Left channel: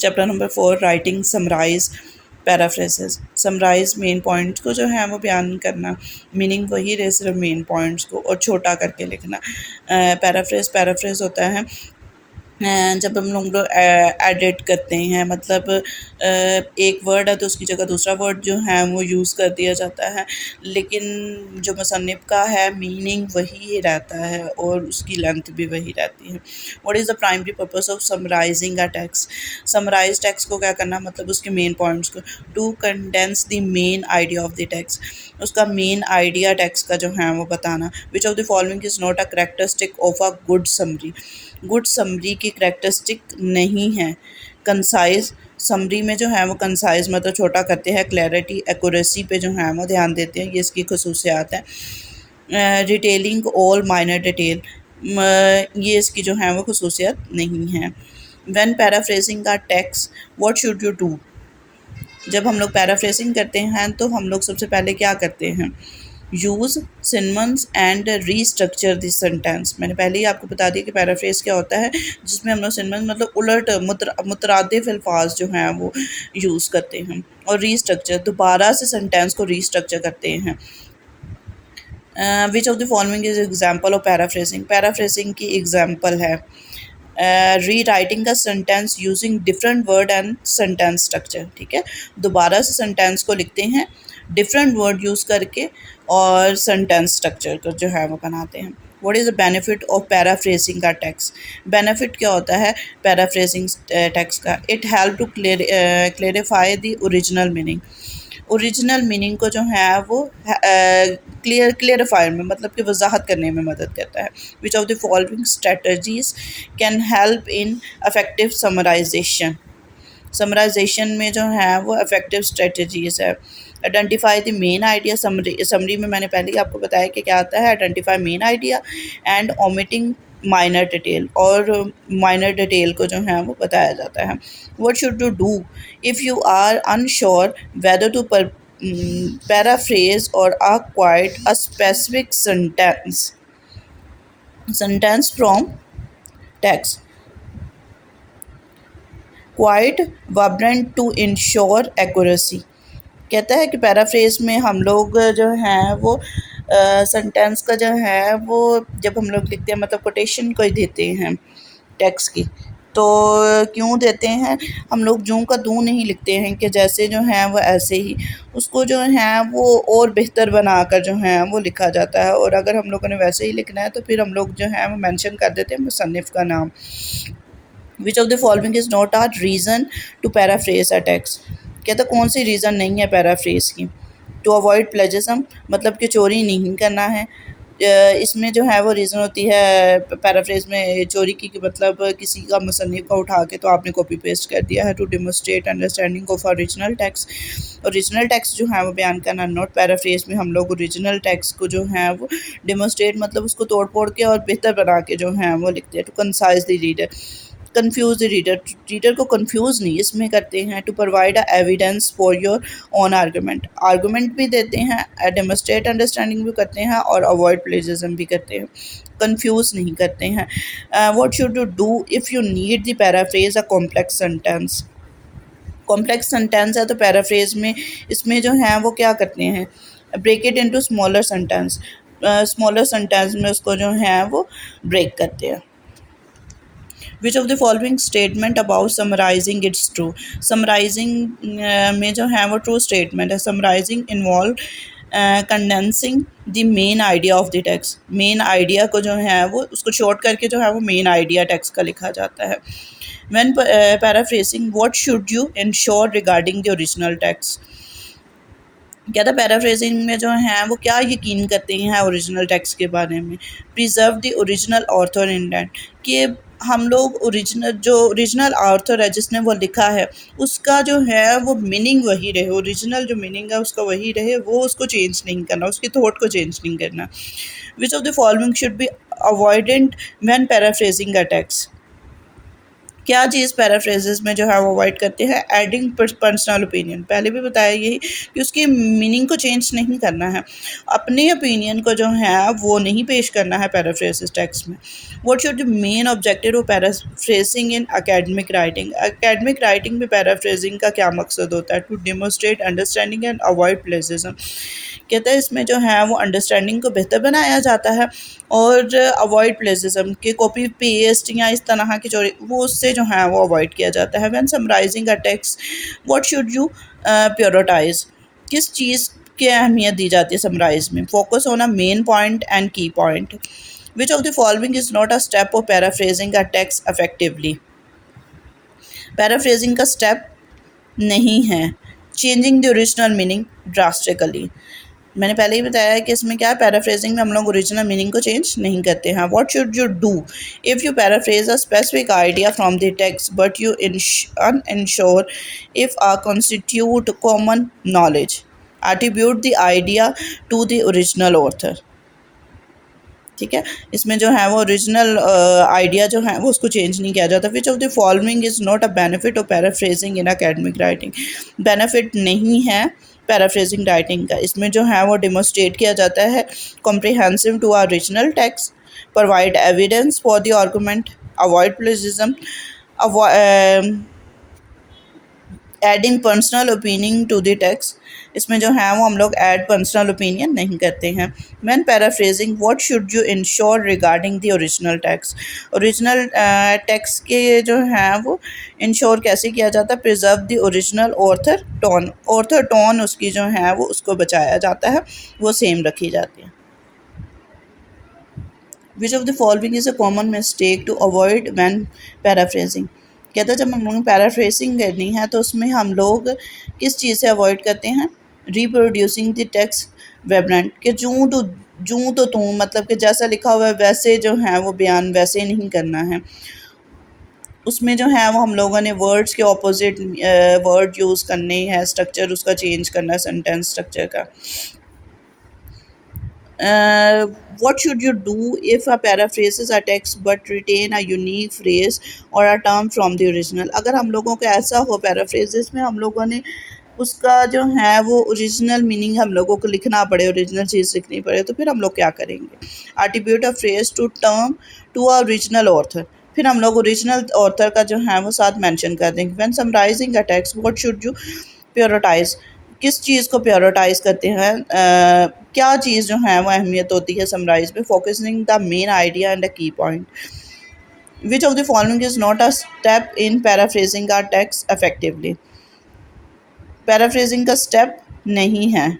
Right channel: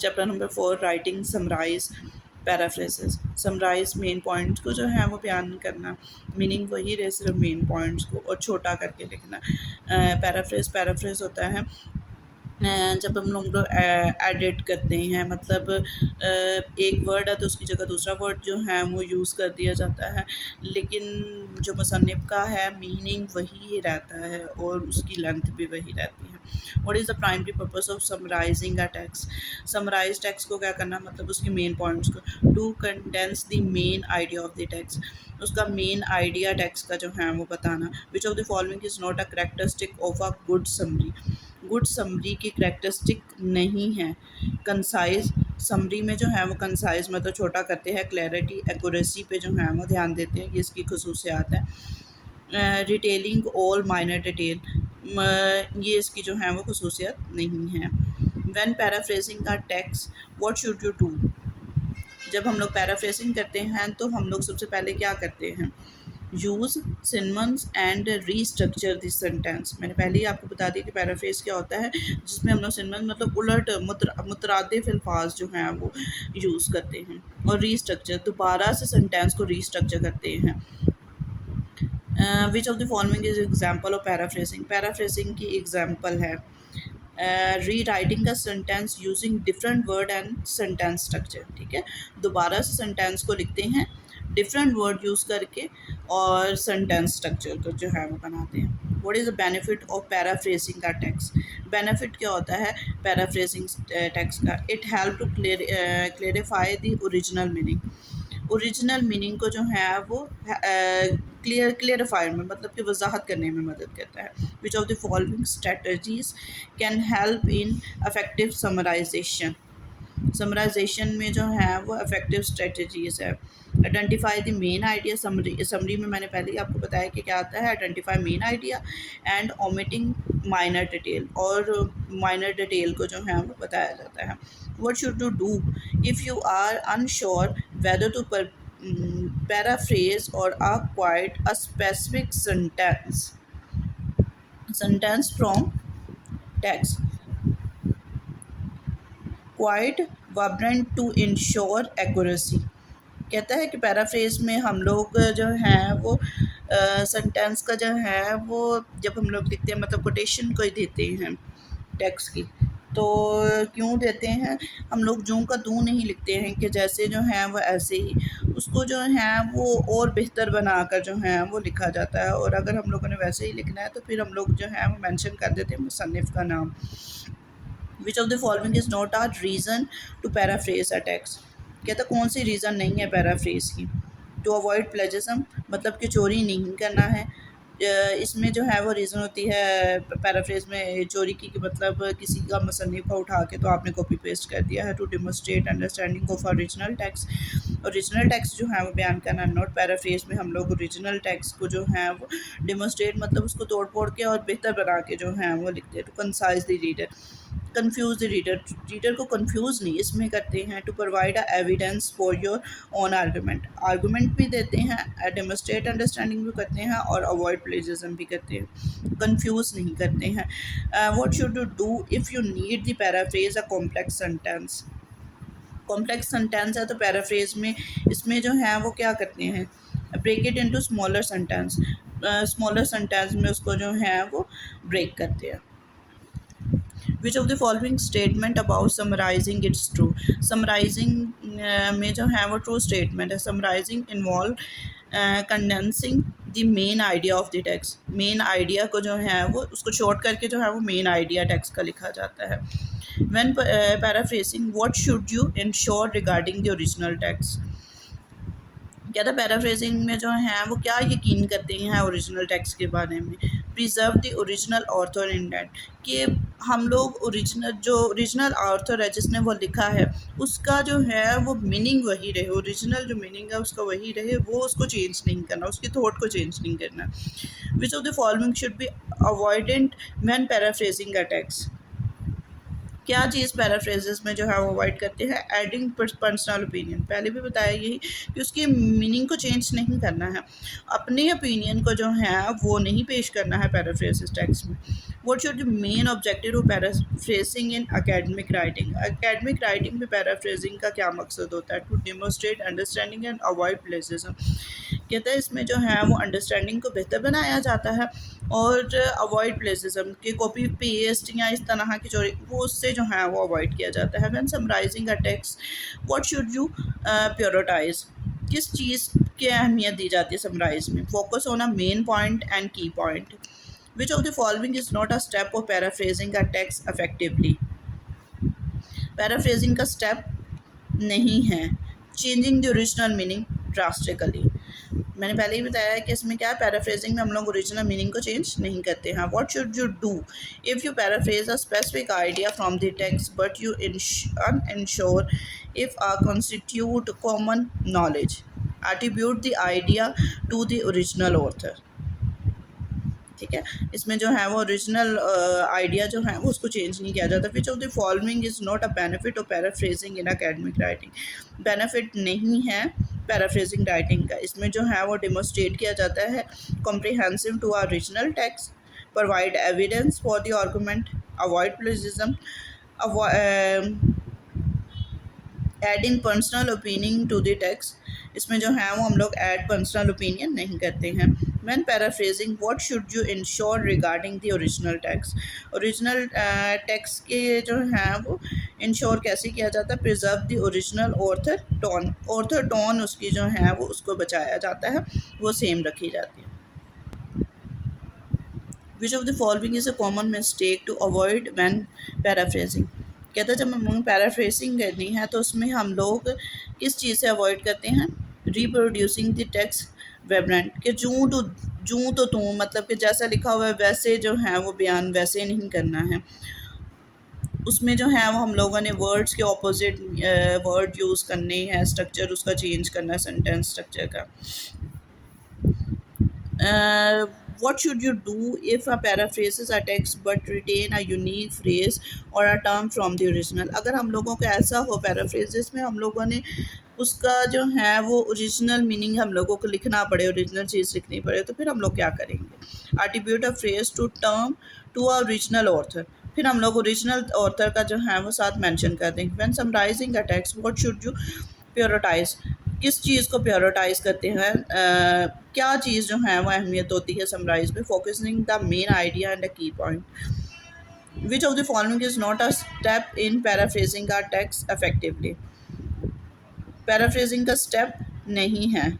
Chapter number 4 writing summarise paraphrases. Summarise main points को जो है वो बयान करना, मीनिंग वही रहे सिर्फ मेन पॉइंट्स को और छोटा करके लिखना। पैराफ्रेज होता है जब हम लोग एडिट करते हैं, मतलब एक वर्ड है तो उसकी जगह दूसरा वर्ड जो है वो यूज़ कर दिया जाता है, लेकिन जो मुसन्निफ़ का है मीनिंग वही रहता है और उसकी लेंथ भी वही रहती है। What is the primary purpose of summarising a text? Summarise text को क्या करना, मतलब उसके मेन पॉइंट्स को। To condense the main idea of the text, उसका मेन आइडिया टेक्स्ट का जो है वो बताना। Which of the following is not a characteristic of a good summary? Good summary की करेक्टरिस्टिक नहीं है। कंसाइज, समरी में जो है वो कंसाइज मतलब छोटा करते हैं। क्लैरिटी, एक्यूरेसी पे जो है वो ध्यान देते हैं, ये इसकी खसूसियात है। डिटेलिंग ऑल माइनर डिटेल, ये इसकी जो है वो खसूसियत नहीं है। व्हेन पैराफ्रेजिंग का text what should you do? जब हम लोग पैराफ्रेजिंग करते हैं तो हम लोग सबसे पहले क्या करते हैं? Use synonyms and restructure this sentence. मैंने पहले ही आपको बता दिया कि पैराफ्रेज क्या होता है, जिसमें हम लोग सिनोनिम्स मतलब उलट मुतरादिफ अल्फाज जो हैं वो यूज़ करते हैं, और रीस्ट्रक्चर दोबारा से सेंटेंस को रीस्ट्रक्चर करते हैं। Which of the following is example of paraphrasing? Paraphrasing की एग्जाम्पल है री राइटिंग का sentence using different word and sentence structure. ठीक है, दोबारा से सेंटेंस को लिखते हैं डिफरेंट वर्ड यूज़ करके और सेंटेंस स्ट्रक्चर को जो है वो बनाते हैं। What is the benefit of paraphrasing का टेक्स्ट? बेनिफिट क्या होता है पैराफ्रेजिंग टेक्स्ट का? It help to clarify the original meaning. Original meaning को जो है वो क्लियरफायर में मतलब कि वजाहत करने में मदद करता है। Which of the following strategies can help in affective summarisation? Summarisation में जो है वो इफेक्टिव स्ट्रेटजीज है। Identify the main idea, summary में मैंने पहले ही आपको बताया कि क्या आता है। Identify main idea and omitting minor detail, और माइनर डिटेल को जो है वो बताया जाता है। What should you do if you are unsure whether to paraphrase or acquire a specific sentence from text? Quite vibrant to ensure accuracy। कहता है कि पैराफ्रेज में हम लोग जो हैं वो सेंटेंस का जो है वो जब हम लोग लिखते हैं मतलब कोटेशन को ही देते हैं टेक्स्ट की, तो क्यों देते हैं? हम लोग जूं का दूं नहीं लिखते हैं कि जैसे जो है वो ऐसे ही, उसको जो है वो और बेहतर बनाकर जो है वो लिखा जाता है, और अगर हम लोगों ने वैसे ही लिखना है तो फिर हम लोग जो है वो मेंशन कर देते हैं मुसन्निफ़ का नाम। Which of the following is not a reason to paraphrase a text? कहता कौन सी रीज़न नहीं है पैराफ्रेज की? टू अवॉइड प्लेजरिज्म, मतलब कि चोरी नहीं करना है। इसमें जो है वो रीज़न होती है पैराफ्रेज में चोरी की, कि मतलब किसी का मुसन्निफ़ का उठा के तो आपने कॉपी पेस्ट कर दिया है। To demonstrate understanding of original text, original text जो है वो बयान करना। नॉट पैराफ्रेज में हम लोग ओरिजिनल टेक्स्ट को जो है वो डेमोस्ट्रेट मतलब उसको तोड़ फोड़ के और बेहतर बना के जो है वो लिखते हैं। To concise the reader, confuse the reader, reader को कंफ्यूज नहीं इसमें करते हैं। To provide a evidence for your own argument, argument भी देते हैं, डेमोस्ट्रेट अंडरस्टैंडिंग भी करते हैं और अवॉइड प्लेजरिज्म भी करते हैं, कंफ्यूज नहीं करते हैं। What should you do if you need the paraphrase a complex sentence? Complex sentence है तो पैराफ्रेज में इसमें जो है वो क्या करते हैं? Break it into smaller sentence, smaller sentence में उसको जो है वो ब्रेक करते हैं। Which of the following statement about summarising it's true? Summarising में जो है वो ट्रू स्टेटमेंट है। Summarising involve condensing the main idea of the text, main idea को जो है वो उसको शॉर्ट करके जो है वो मेन आइडिया टेक्स्ट का लिखा जाता है। When paraphrasing what should you ensure regarding the original text? क्या था पैराफ्रेजिंग में जो है वो क्या यकीन करते हैं ओरिजिनल टेक्स्ट के बारे में? Preserve the original author intent, कि हम लोग ओरिजिनल ऑथर है जिसने वो लिखा है उसका जो है वो मीनिंग वही रहे, ओरिजिनल जो मीनिंग है उसका वही रहे, वो उसको चेंज नहीं करना, उसकी थॉट को चेंज नहीं करना। विच of the following should be avoided when paraphrasing a text? क्या चीज़ पैराफ्रेजेस में जो है वो अवॉइड करते हैं, एडिंग पर्सनल ओपिनियन। पहले भी बताया यही कि उसकी मीनिंग को चेंज नहीं करना है, अपने ओपिनियन को जो है वो नहीं पेश करना है पैराफ्रेजेस टेक्स्ट में। What should the main objective of paraphrasing in academic writing. Academic writing में पैराफ्रेजिंग का क्या मकसद होता है, to demonstrate understanding and avoid plagiarism. कहता है इसमें जो है वो अंडरस्टैंडिंग को बेहतर बनाया जाता है और अवॉइड प्लेजिज्म के कॉपी पेस्ट या इस तरह की चोरी वो उससे जो है वो अवॉइड किया जाता है। When summarising a text what should you prioritise. किस चीज़ की अहमियत दी जाती है समराइज में, focus on a main point and key point. Which of the following is not a step of paraphrasing a text effectively. Paraphrasing का step नहीं है changing the original meaning drastically. मैंने पहले ही बताया है कि इसमें क्या है, पैराफ्रेजिंग में हम लोग ओरिजिनल मीनिंग को चेंज नहीं करते हैं। What should you do if you paraphrase a specific idea from the text but you unsure if a constitute common knowledge, attribute the idea to the original author. ठीक है, इसमें जो है वो ओरिजिनल आइडिया जो है वो उसको चेंज नहीं किया जाता। विच of the following is not a benefit of paraphrasing in academic writing. Benefit नहीं है पैराफ्रेजिंग राइटिंग का, इसमें जो है वो डिमोस्ट्रेट किया जाता है comprehensive to our original text, provide evidence for the argument, avoid plagiarism, adding personal opinion to the text. इसमें जो है वो हम लोग ऐड पर्सनल ओपिनियन नहीं करते हैं। When paraphrasing what should you ensure regarding the original text. Original text के जो हैं वो इंश्योर कैसे किया जाता है, preserve the original author tone उसकी जो है वो उसको बचाया जाता है, वो सेम रखी जाती है। Which of the following is a common mistake to avoid when paraphrasing. कहते हैं जब हम लोग पैराफ्रेजिंग करनी है तो उसमें हम लोग किस चीज़ से अवॉइड करते हैं, रिप्रोड्यूसिंग द टेक्स्ट वेबलेंट के जूँ तो तू मतलब कि जैसा लिखा हुआ है वैसे जो है वो बयान वैसे नहीं करना है। उसमें जो है वो हम लोगों ने वर्ड्स के ऑपोजिट वर्ड यूज़ करने हैं, स्ट्रक्चर उसका चेंज करना है, सेंटेंस स्ट्रक्चर का। what should you do if a paraphrases a text but retain a unique phrase or a term from the original। अगर हम लोगों को ऐसा हो पैराफ्रेजेस में हम लोगों ने उसका जो है वो ओरिजिनल मीनिंग हम लोगों को लिखना पड़े, ओरिजिनल चीज़ लिखनी पड़े, तो फिर हम लोग क्या करेंगे, attribute a phrase to term to a original author. फिर हम लोग ओरिजिनल ऑथर का जो है वो साथ मेंशन कर देंगे। When summarising a text what should you prioritise. किस चीज़ को प्रायोरिटाइज करते हैं, क्या चीज़ जो है वो अहमियत होती है समराइज में, focusing the main idea and the key point. Which of the following is not a step in paraphrasing a text effectively. Paraphrasing का स्टेप नहीं है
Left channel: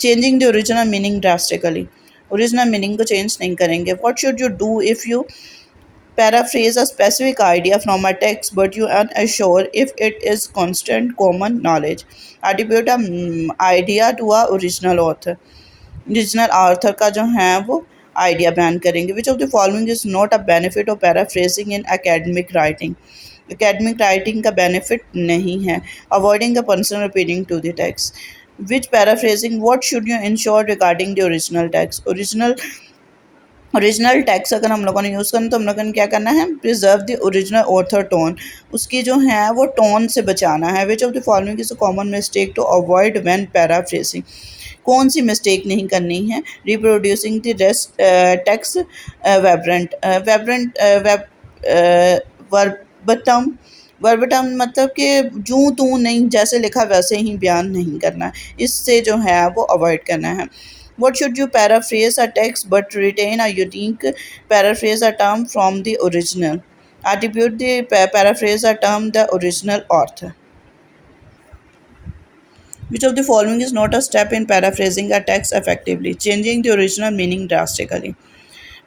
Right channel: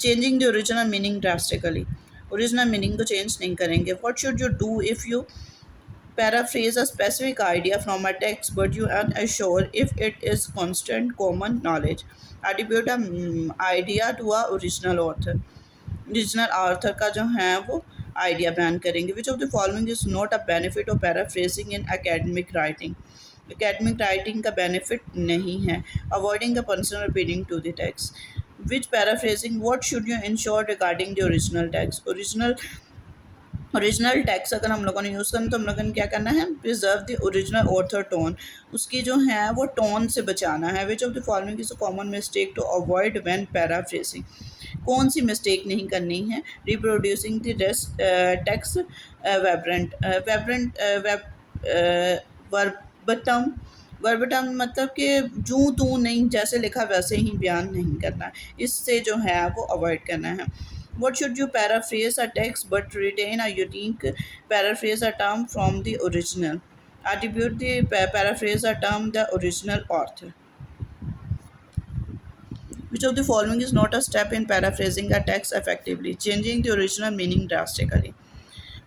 changing the original meaning drastically, original meaning को change नहीं करेंगे। What should you do if you paraphrase a specific idea from a text but you are unsure if it is constant common knowledge, attribute a idea to a original author। Original author का जो है वो idea बयान करेंगे। Which of the following is not a benefit of paraphrasing in academic writing. Academic writing का benefit नहीं है, avoiding the personal opinion to the text. Which paraphrasing what should you ensure regarding the original text. Original text अगर हम लोगों ने use करना तो हम लोगों ने क्या करना है, preserve the original author tone, उसकी जो है वो टोन से बचाना है। Which of the following is a common mistake to avoid when paraphrasing. कौन सी मिस्टेक नहीं करनी है, reproducing the rest text verbatim. Verbatim मतलब कि जूँ तू नहीं, जैसे लिखा वैसे ही बयान नहीं करना है, इससे जो है वो अवॉइड करना है। What should you paraphrase a text but retain a unique paraphrase a term from the original? Attribute the paraphrase a term the original author. Which of the following is not a step in paraphrasing a text effectively? Changing the original meaning drastically.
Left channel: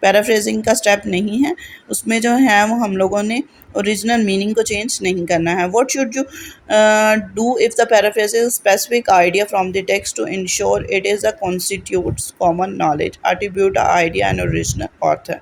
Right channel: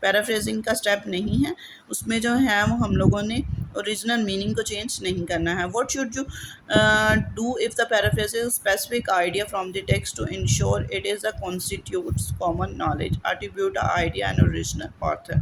Paraphrasing का step नहीं है, उसमें जो है वो हम लोगों ने ओरिजिनल मीनिंग को चेंज नहीं करना है। What should you do if the paraphrase is specific idea from the text to ensure it is a constitutes common knowledge, attribute idea and original author.